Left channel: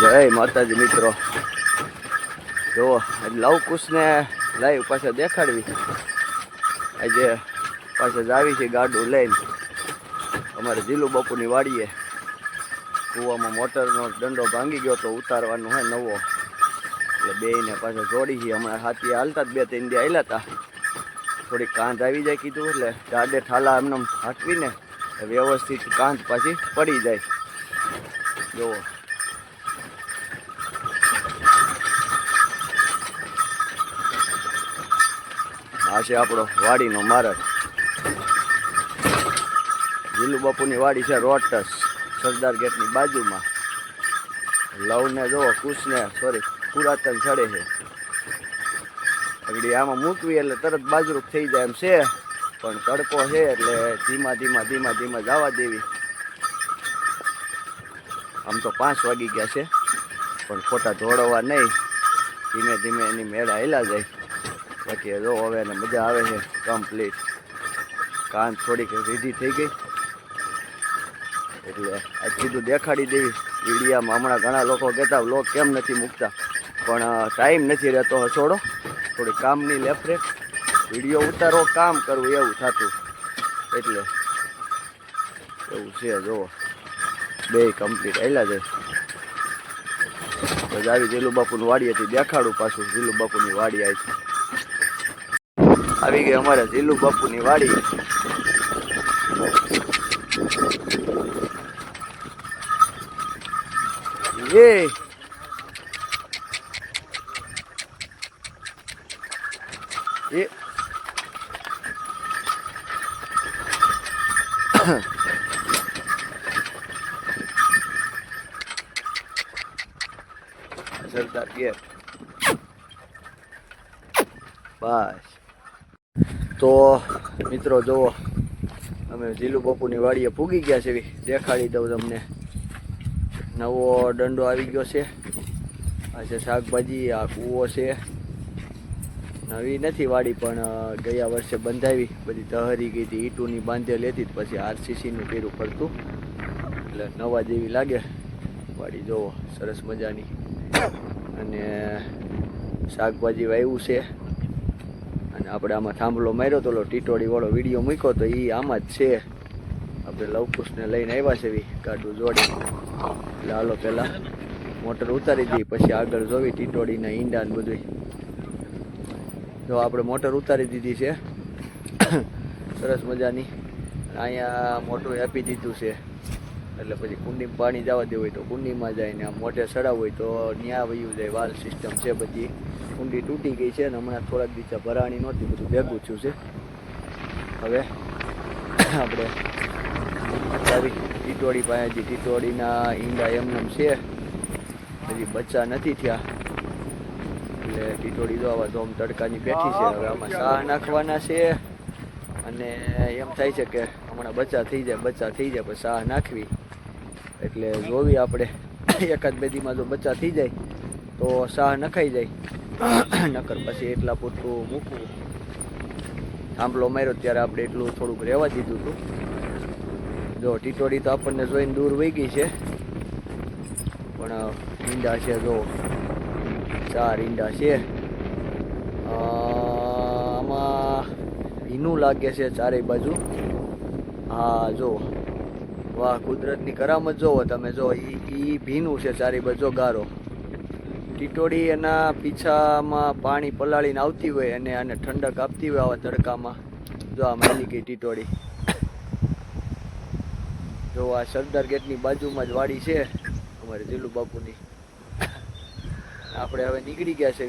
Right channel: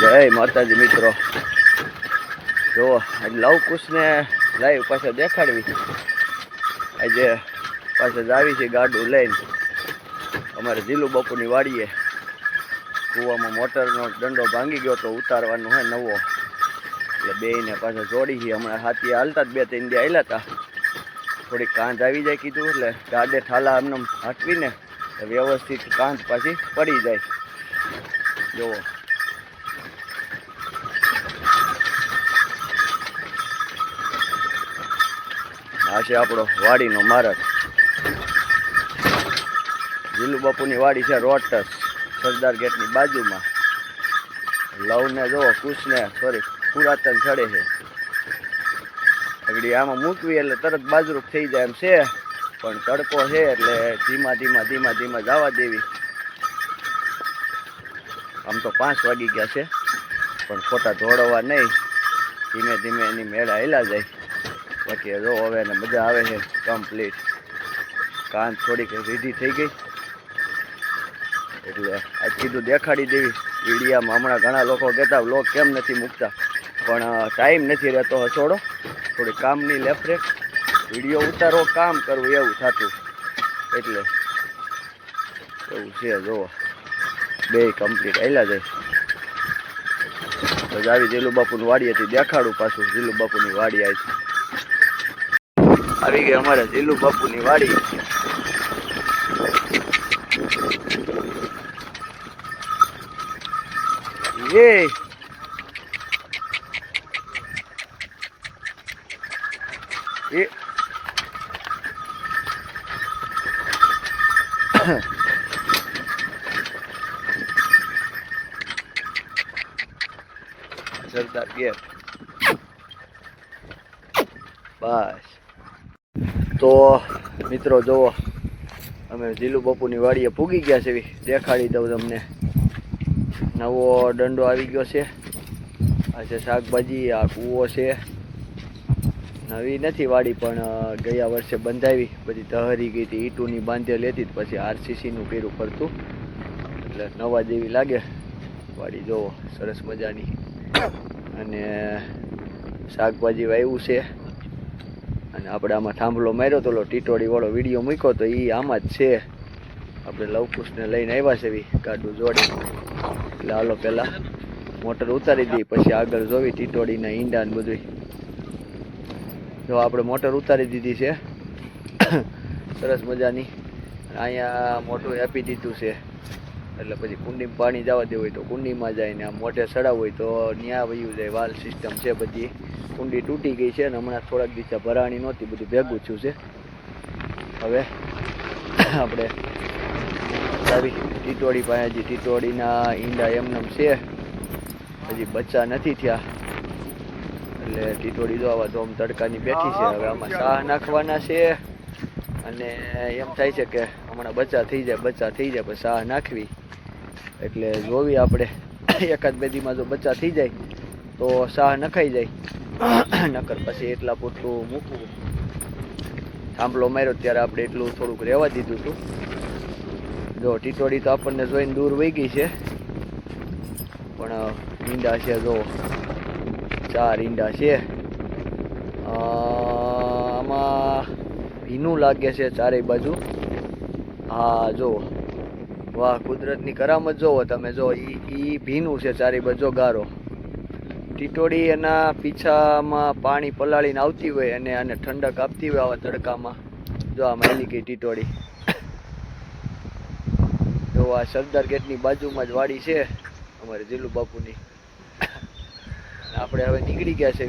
જય માતાજી મિત્રો, જુઓ આજે લવકુશને લાઈવ પાછા દેખાડવી. આજે પાછા જ આવી છે ગાડું લઈને અમારે જીલુ બાપુની વાડીએ. કૂવામાં મોટરનો દંડો ભાંગી ગયો તો ઉતારવાનું હોય નવો, એટલે બેયને પાછા જોડી છે. હમણાં હાથી હાલતા જ 2-3 દી હાલ્યા હતા. થોડીક કાંધ આવી જાય કીધું એટલે ગાડે ઠાલા એમને હાંકવીને વ્યવસ્થિત કાંધ પાછી પડી જાય. જુઓ આ છે આપણો વાડીનો માર્ગ. જીલુ બાપુની વાડી છે રોટસ, સરદાર ગેટની બાજુમાં. લવને જુઓ, કુશને સોરી પુરાતન ચડે છે. આગળ આમાં મૂકવી એટલે તરત બાજરૂપ થઈ જાય એમ છે, પણ તડકો છે એટલે ધીમા ધીમા જવા દેવી. આમ તો 5 વાગી ગયા છે, પણ ખોટા દોડવા નહીં, ધીમે ધીમે એની મેળા હેલા જાય. બાકી જો હવે એને મજા આવે છે કમ્પ્લીટ. કાન થોડીક રીધી થઈ ગઈ એટલે આજ કીધું દેખાડી દેવી વિડીયામાં. હમણાં ઘણા લોકો કહેતા વ્લોગ કેમ નથી મૂકતા, પણ ટાઈમ નથી રહેતો હસોડો. થોડી કામની લેફરેક, વિડીયો ઉતારો કામ કરવું એવું થતું, એટલે એવું છે. જુઓ બે કમ્પ્લીટ આવેલા જાય. તો આવી જીલુ બાપુની વાડીએથી દેખાડું પાછું. જીલુ બાપુની વાડી આવી ગઈ અમારે જીલુ બાપુની વાડી. એ સરદાર ગેટ. બસ તો મિત્રો જુઓ, અમે જીલુ બાપુની વાડીએ પૂગી ગયા છે. દેખાડી દઉં તમને. નવો દંડો આવી ગયો છે. આ છે શાકભાજી, આ કૂવો છે. નવી નથી વાડી, પણ ગયા વર્ષે બંધાવી. બધી તહરી ગઈ હતી, ઈંટોની બાંધેલી હતી, પછી આરસીસીનું કર્યું પડતું, એટલે નવા જેવી લાગે વાડી. જુઓ સરસ મજાની. અને શાકભાજી વાવ્યું છે. અને આપણે આમાં થાંભલો માર્યો તો ટીટોડી વાળો વિડીયો મૂક્યો તો એ આમાં જ છે. આપણે લવકુશને લઈને આવ્યા છે ગાડું જોડી. એટલે હાલો પહેલાં મોટર ઉતારી દઈએ, પછી આગળ જોવી ટીટોડીના ઈંડા ને બધું. જો આપણે મોટર ઉતારી દીધી છે સરસ મજાની. અહીંયા મોટું આપી દીધું છે, એટલે પછી કુંડીમાં પાણી જવા દેવું હોય તો કુંડીમાં જાય, ને આમ મોઢે ચડાવવું હોય તો ન્યા વયું જાય. વાલ સિસ્ટમ છે બધી. કુંડી તૂટી ગઈ છે, અને હમણાં થોડાક દિવસ ભરાણી નહોતી, બધું ભેગું થયું છે. હવે આપણે આવી ટીટોડી પાસે. હજી ટીટોડીના ઈંડા એમનેમ છે, હજી બચ્ચા નથી થયા. એટલે ટીટોડી જો આવા ધોમ તડકાની બેઠી છે. હવે આમાં શાહ નાખવાના છે, અને એમ થાય છે કે હમણાં બચ્ચા થઈ જાય પછી શાહ નાખવી. એટલે જોવી આપણે 1-2 દીમાં જો બચ્ચા થઈ જાય તો શાહ નખાઈ જાય, નકર પછી એટલા પૂરતું મૂકવું. થાંભલો માર્યો ત્યારે આપણે એટલું થોડુંક રહેવા દીધું હતું. જો ટીટોડી તો આપણને જોઈને દૂર વહી ગઈ છે, પણ ઈંડા છે જો 4 ઈંડા છે. આમાં ભીનું લાગે છે ચારેય બાજુ. હા જો, વાહ કુદરતની કરામત જોવો તમે. જો ઈ ભીનું છે ચારેય બાજુ ગારો. ટીટોડી એના પીછામાં પાણી પલાળીને આવતી હોય અને આને ઠંડક આપતી હોય આવા તડકામાં. જો આ માલી ગઈ ટીટોડી. જો આ સરદાર ગેટની બાજુમાં જ વાડી છે અમારે જીલુ બાપુની. આપણે હવે નીકળી ગયા છે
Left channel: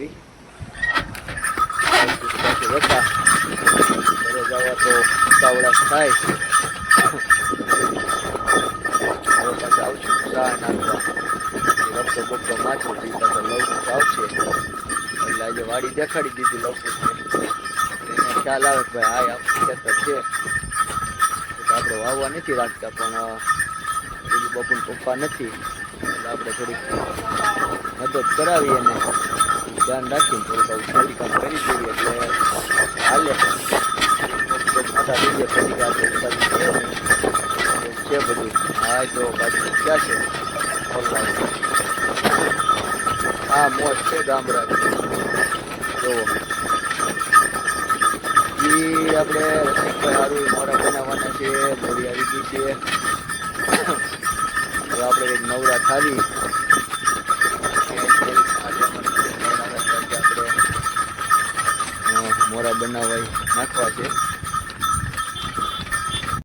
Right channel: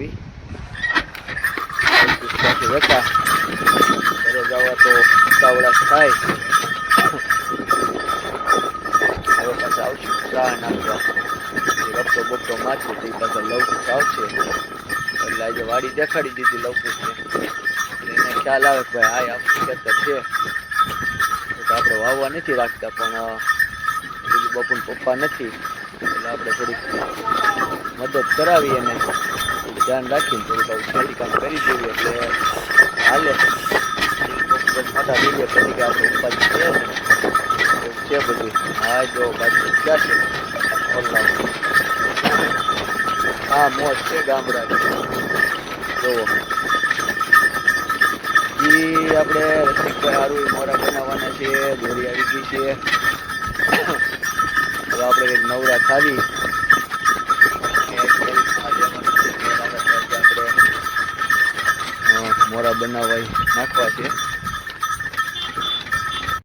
હતા. ઘરે જવા તો ઉતાવળા થાય. હવે પાછા આવશું ચા નાખવા. રપટો બપટો માથું તો એ પાછા લવકુશ આવશે. એટલે આજે વાડી દેખાડી દીધી લવકુશને. એને ખ્યાલ આવે કે ભાઈ હાય આપણું ખેતર છે. તો આપણે વાવવા નથી રાખતા, પણ જીલુ બાપુના પપ્પા નથી, એટલે આપણે થોડીક મદદ કરાવી એને. ધ્યાન રાખીને થોડુંક આવું ખેતી કામ કરી દઈએ એટલે હાલે. મોટા દઈએ પછી કે આપણે ઉપાધિ છે ને એવું છે બધું. હા જો બાજુ ક્યાં છે ઓલરાઉન્ડ. આ મોજ છે ગામડાની. જોવો ઈ આપણે રસિકભાઈ હારું મોરા બનાવવાના છે. દોરી આવી ગઈ છે. હવે આપણે કંઈક નવરા થાવી આપણે મોરા બનાવવા નાખવા છે.